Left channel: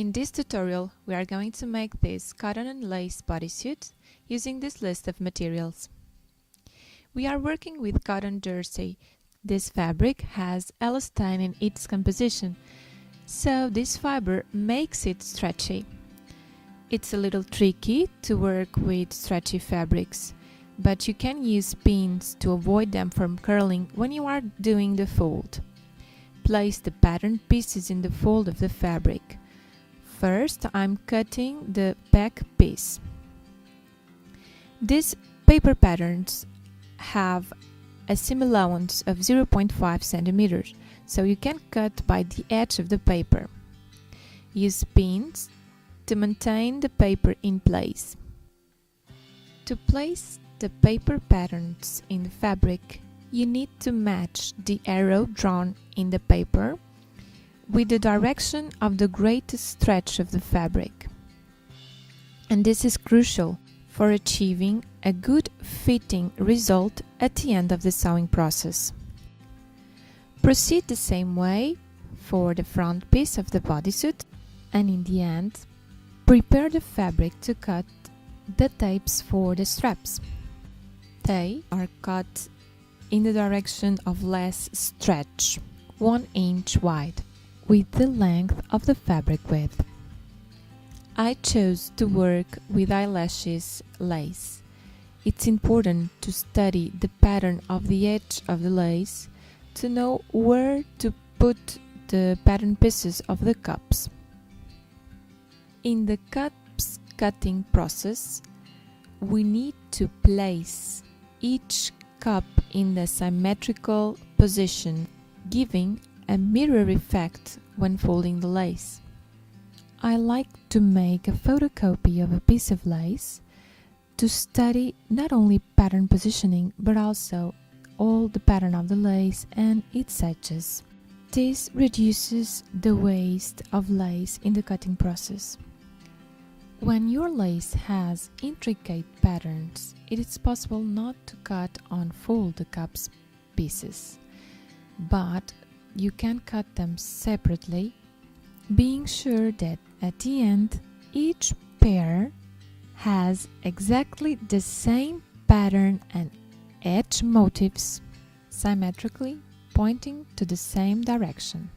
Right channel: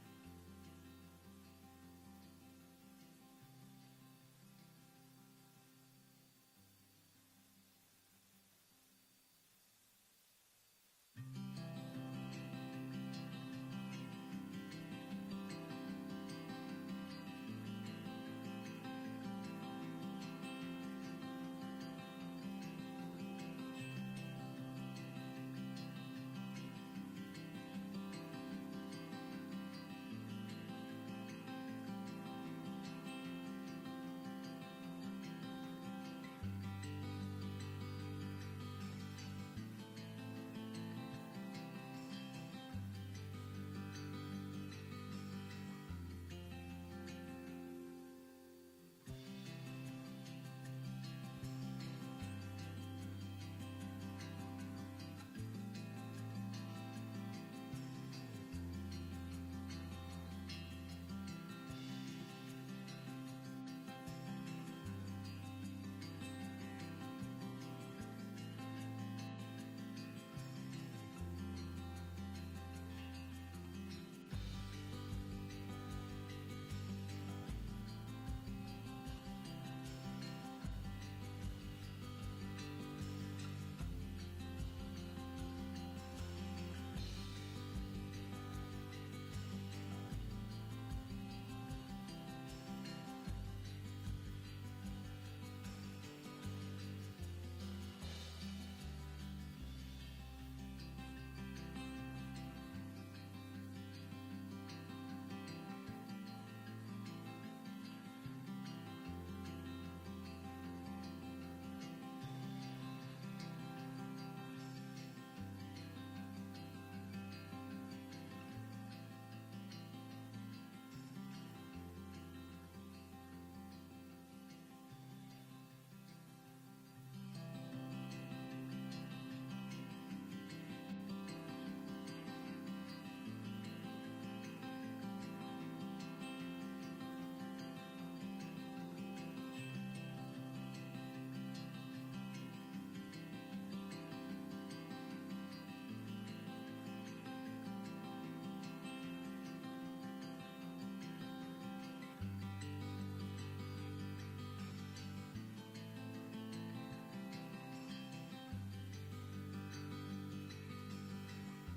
In this tutorial, we are going to make this cotton and lace bodysuit using this list of materials. We are working with cotton jersey. This fabric has elastane in its composition, so this fiber makes it stretchy. It's a little tricky to work with stretchy fabrics, but you can use pins to avoid them from curling when you are doing the fold. Place the pattern pieces in the fold of the fabric. First, I'm cutting the back piece. These paper patterns have a seam allowance of 0.5 centimeters, so you can cut by the edge of the paper. Use pins to maintain the paper in place. To place the paper patterns in the fabric, you need to match the arrow drawn in the paper with the direction of the greatest stretch of the fabric. And this is crucial for achieving a good fitting result at the end of the sewing process. Proceed the same way for the front piece of the bodysuit, and in the end, prepare the fabric to cut the tapes for the straps. They are cut in the direction of less stretch, 1 inch wide, with the length of the fabric width. I chose to work with eyelashes lace. It's important to study the pattern of the edge of the lace to know where to put the pattern pieces of the cups. In the cups cutting process, we need to place each cup in the symmetrical position, giving a mirror effect when folding the lace. I like to make a photocopy of a piece of lace to study not only pattern positioning but also all the pattern of the lace and its edges. This reduces the waste of lace in the cutting process. When your lace has intricate patterns, it is possible not to cut on fold the cups pieces, but you can cut them separately, being sure that at the end each pair has exactly the same pattern and edge motifs, symmetrically pointing to the same direction.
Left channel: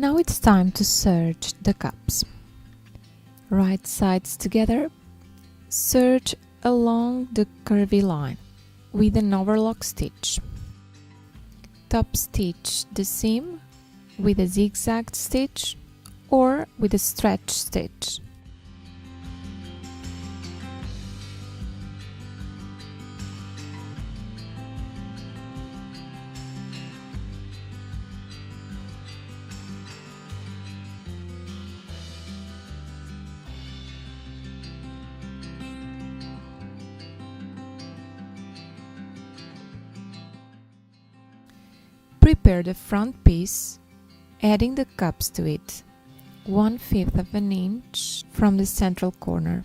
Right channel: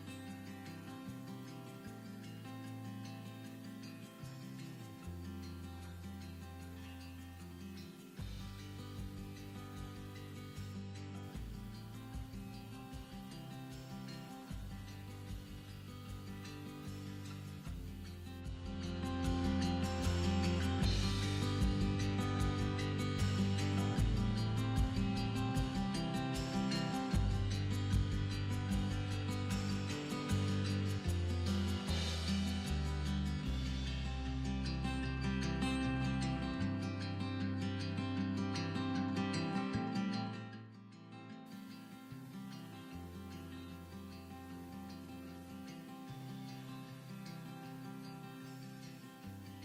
Now it's time to serge the cups. Right sides together, serge along the curvy line with an overlock stitch. Top stitch the seam with a zigzag stitch or with a stretch stitch. Prepare the front piece, adding the cups to it, 1/5 of an inch from the central corner.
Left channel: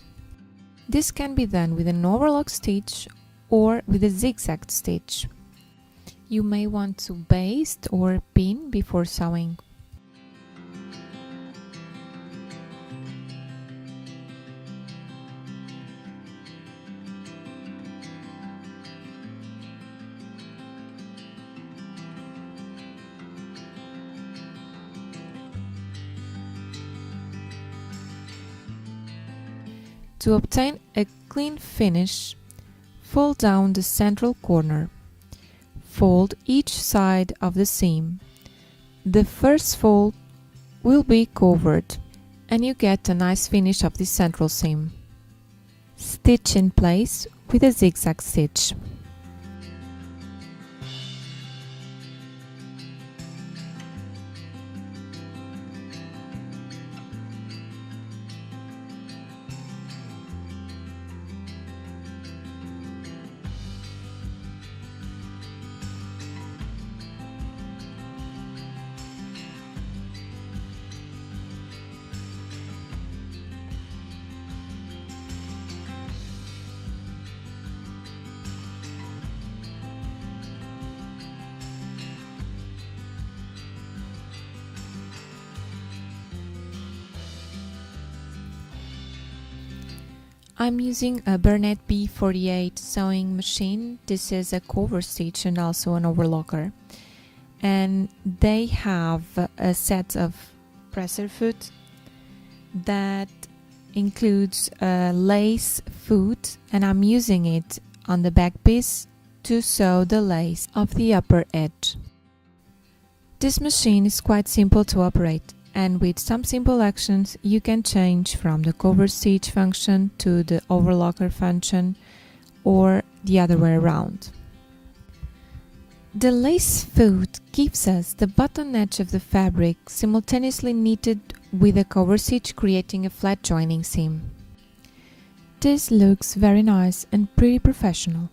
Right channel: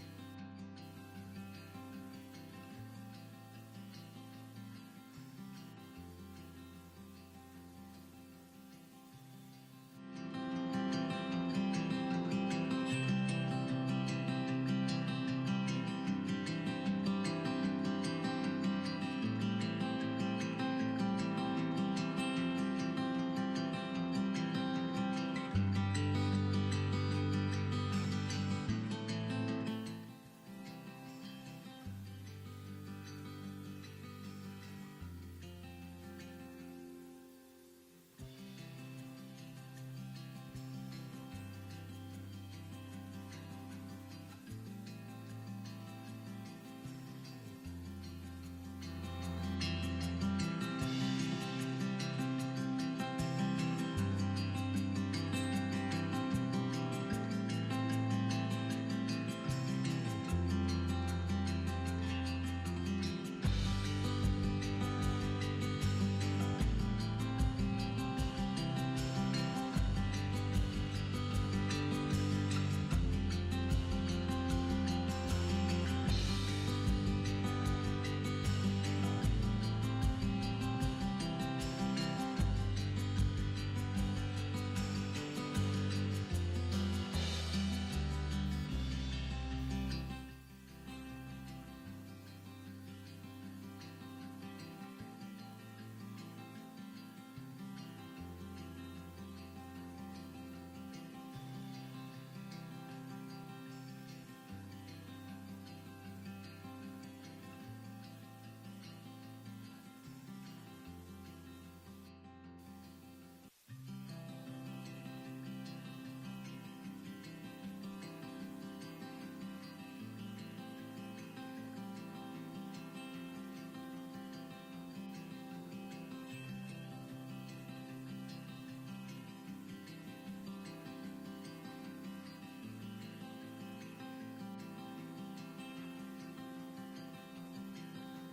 This can be done with an overlock stitch or with a zigzag stitch. You may want to baste or pin before sewing. To obtain a clean finish, fold down the central corner. Fold each side of the seam. The first fold will be covered, and you get a nice finish of the central seam. Stitch in place with a zigzag stitch. I'm using a Bernette B48 sewing machine. This is a cover stitch and also an overlocker. And they have a set of presser foot that includes a lace foot, and I'm using it on the back piece to sew the lace of the upper edge. This machine is quite simple to operate, and with some simple actions you can change from the cover stitch function to the overlocker function or the other way around. The lace foot gives us the bottom edge of the fabric simultaneously knitted with a cover stitch, creating a flat joining seam. This looks very nice and pretty professional.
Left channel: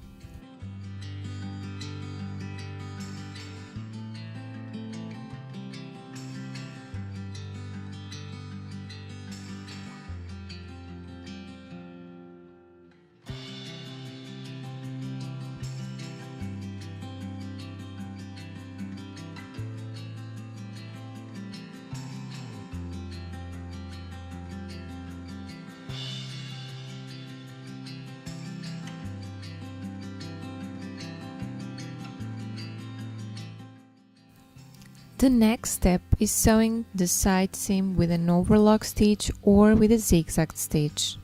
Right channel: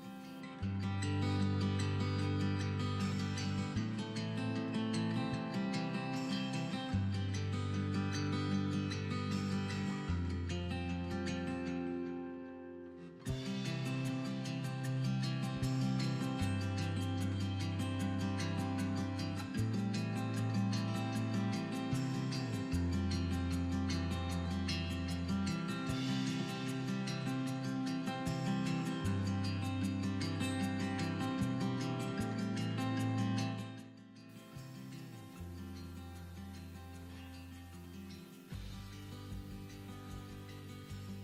The next step is sewing the side seam with an overlock stitch or with a zigzag stitch.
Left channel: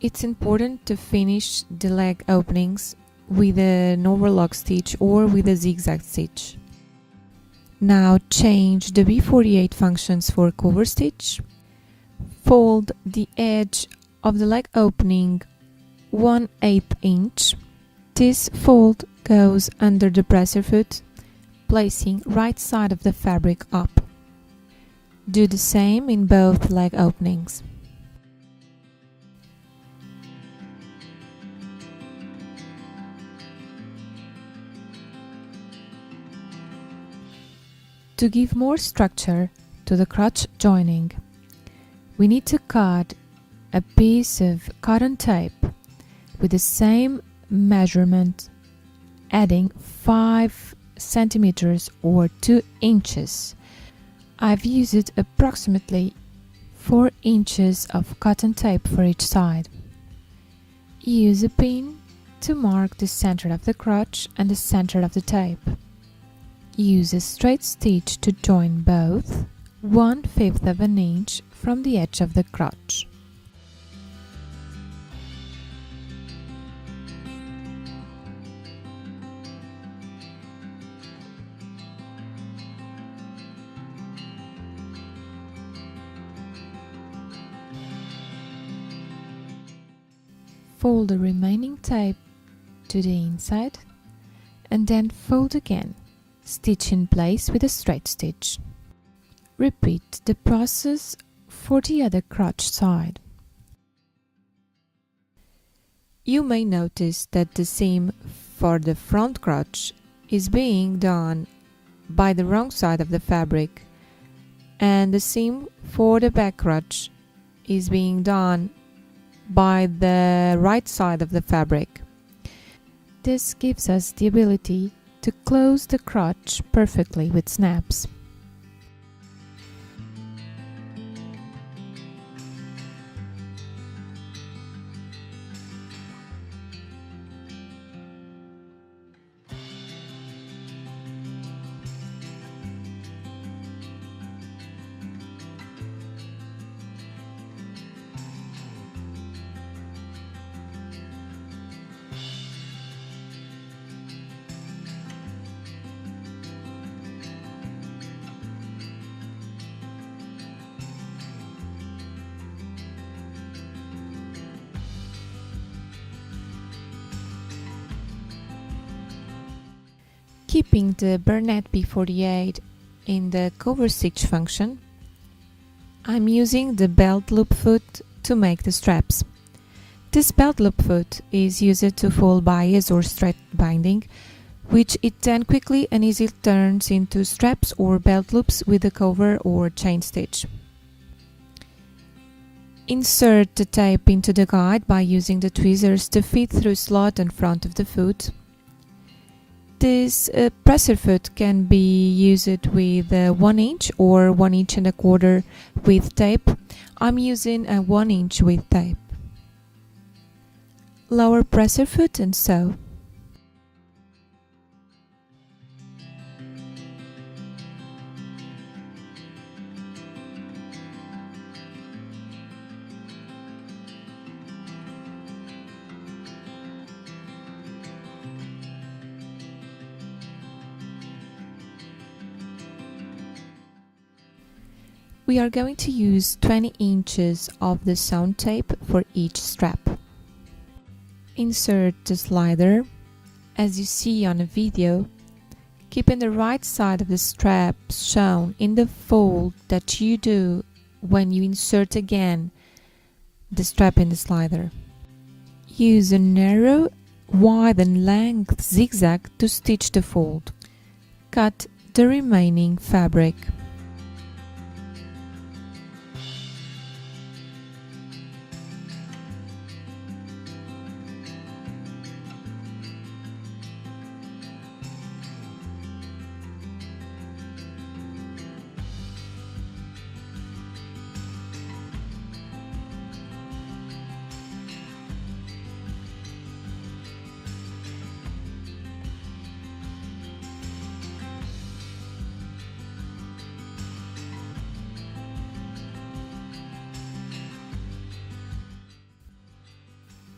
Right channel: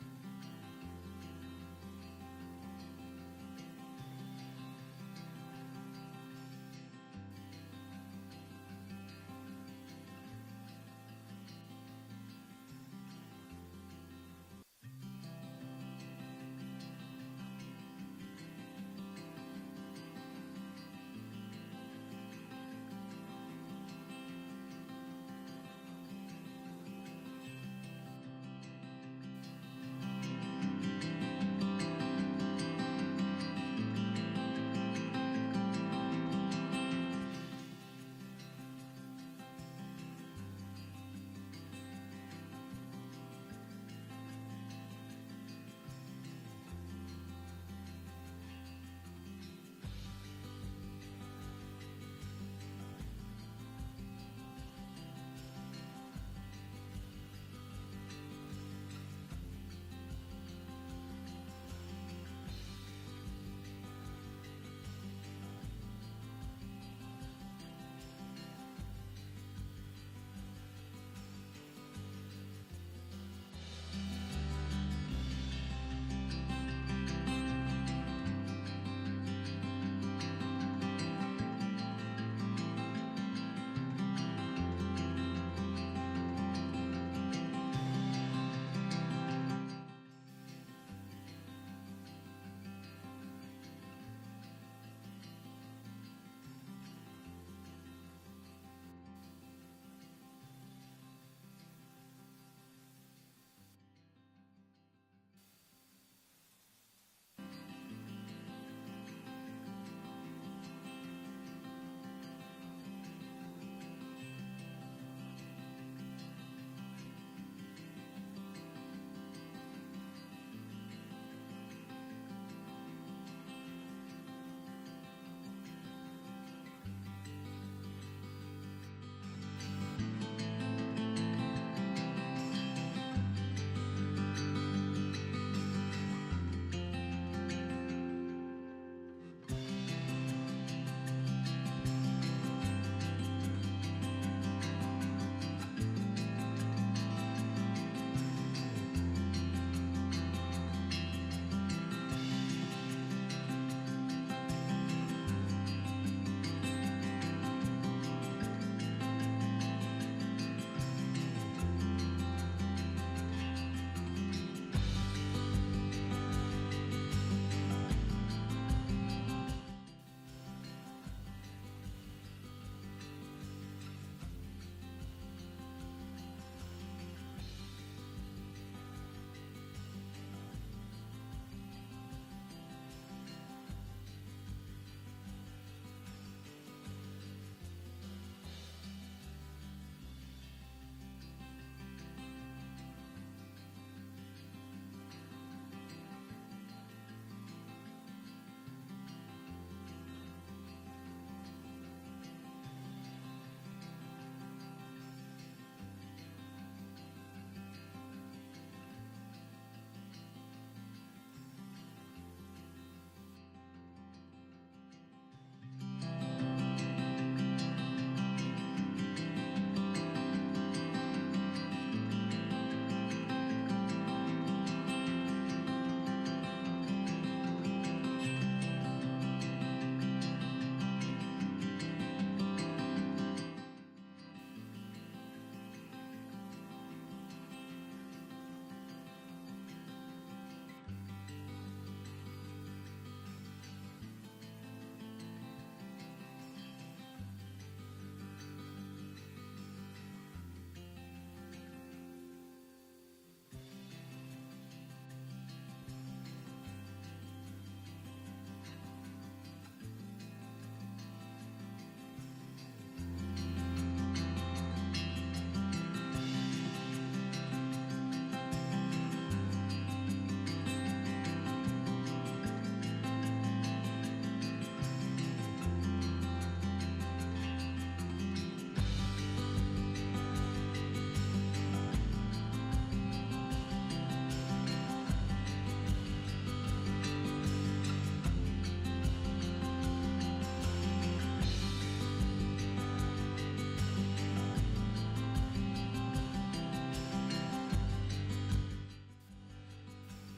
It's important to finish the leg openings with an overlock stitch or with a zigzag stitch. Now change the B48 functions for cover stitch. Fold the edge of the leg opening 1/8 inch. This fold goes under the presser foot, placing right side of the fabric up. Do the same in both leg openings. To give more structure to the crotch joining, we need to cut a piece of cotton tape with the same measurement, adding 5 centimeters or 2 inches. I've used approximately 4 inches of cotton tape for each side. Use a pin to mark the center of the crotch and the center of the tape. Use a straight stitch to join both 1/5 of an inch from the edge of the crotch. Fold the remaining tape to the inside and then fold again. Stitch in place with a straight stitch. Repeat the process for the other crotch side. You may notice that the seam for the front crotch is being done by the wrong side of the fabric, and the seam for the back crotch is being done by the right side of the fabric. This gives us the ability to close the crotch perfectly with snaps. Keeping the Bernette B48 in the cover stitch function, I'm using the belt loop foot to make the straps. This belt loop foot is used to fold bias or straight binding, which it then quickly and easily turns into straps or belt loops with a cover or chain stitch. Insert the tape into the guide by using the tweezers to fit through slot in front of the foot. This presser foot can be used with 1 inch or 1 inch and a quarter with tape. I'm using a 1 inch with tape. Lower presser foot and sew. We are going to use 20 inches of the sewn tape for each strap. Insert the slider, as you see on the video, keeping the right side of the strap shown in the fold that you do when you insert again the strap in the slider. Use a narrow, wide and length zigzag to stitch the fold. Cut the remaining fabric.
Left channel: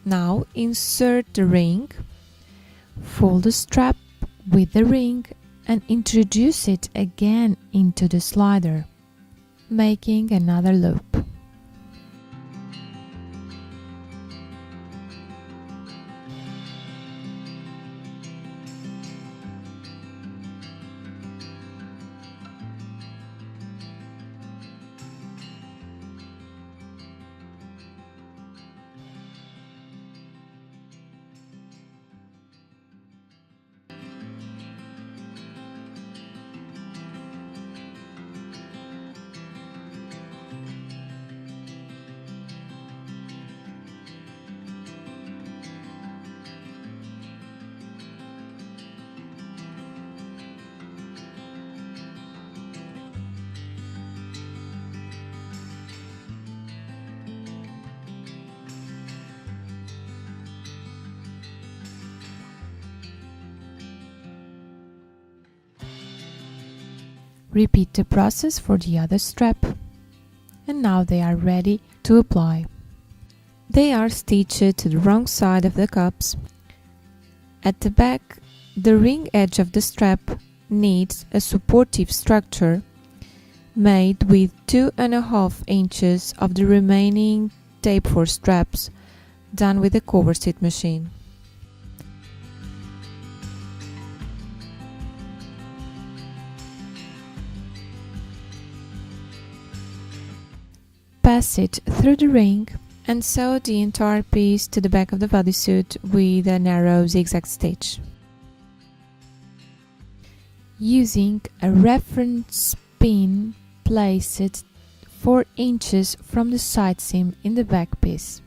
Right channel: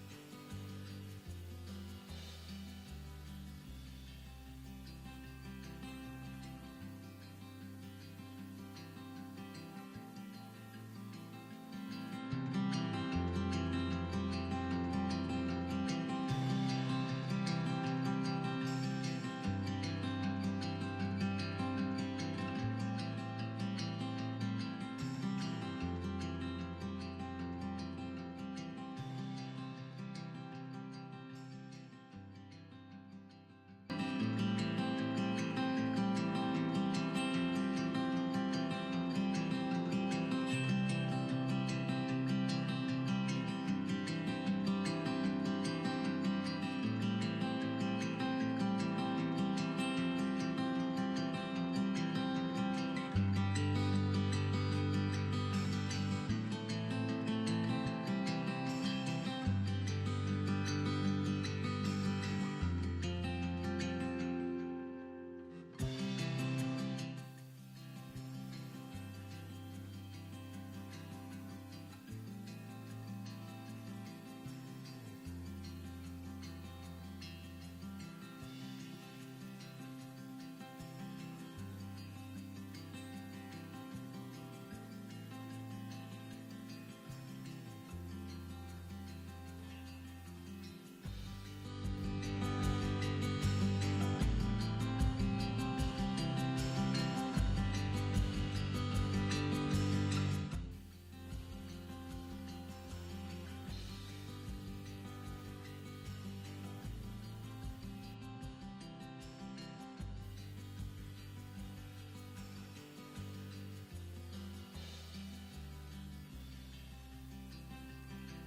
Now insert the ring, fold the strap with the ring and introduce it again into the slider, making another loop. Repeat the process for the other strap. And now they are ready to apply. They are stitched to the wrong side of the cups. At the back, the ring edge of the strap needs a supportive structure made with 2.5 inches of the remaining tape for straps, done with a coverstitich machine. Pass it through the ring and sew the entire piece to the back of the bodysuit with a narrow zigzag stitch. Using a reference pin, place it 4 inches from the side seam in the back piece.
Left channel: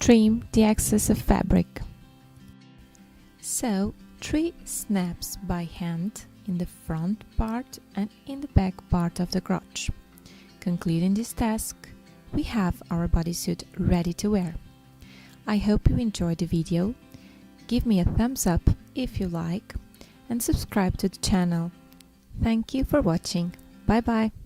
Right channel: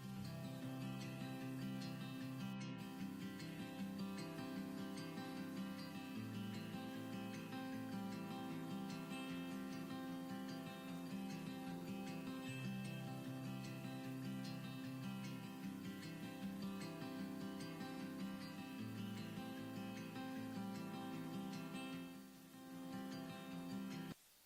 Trim the excess of fabric. Sew 3 snaps by hand in the front part and in the back part of the crotch. Concluding this task, we have our bodysuit ready to wear. I hope you enjoyed the video. Give me a thumbs up if you like and subscribe to the channel. Thank you for watching. Bye bye.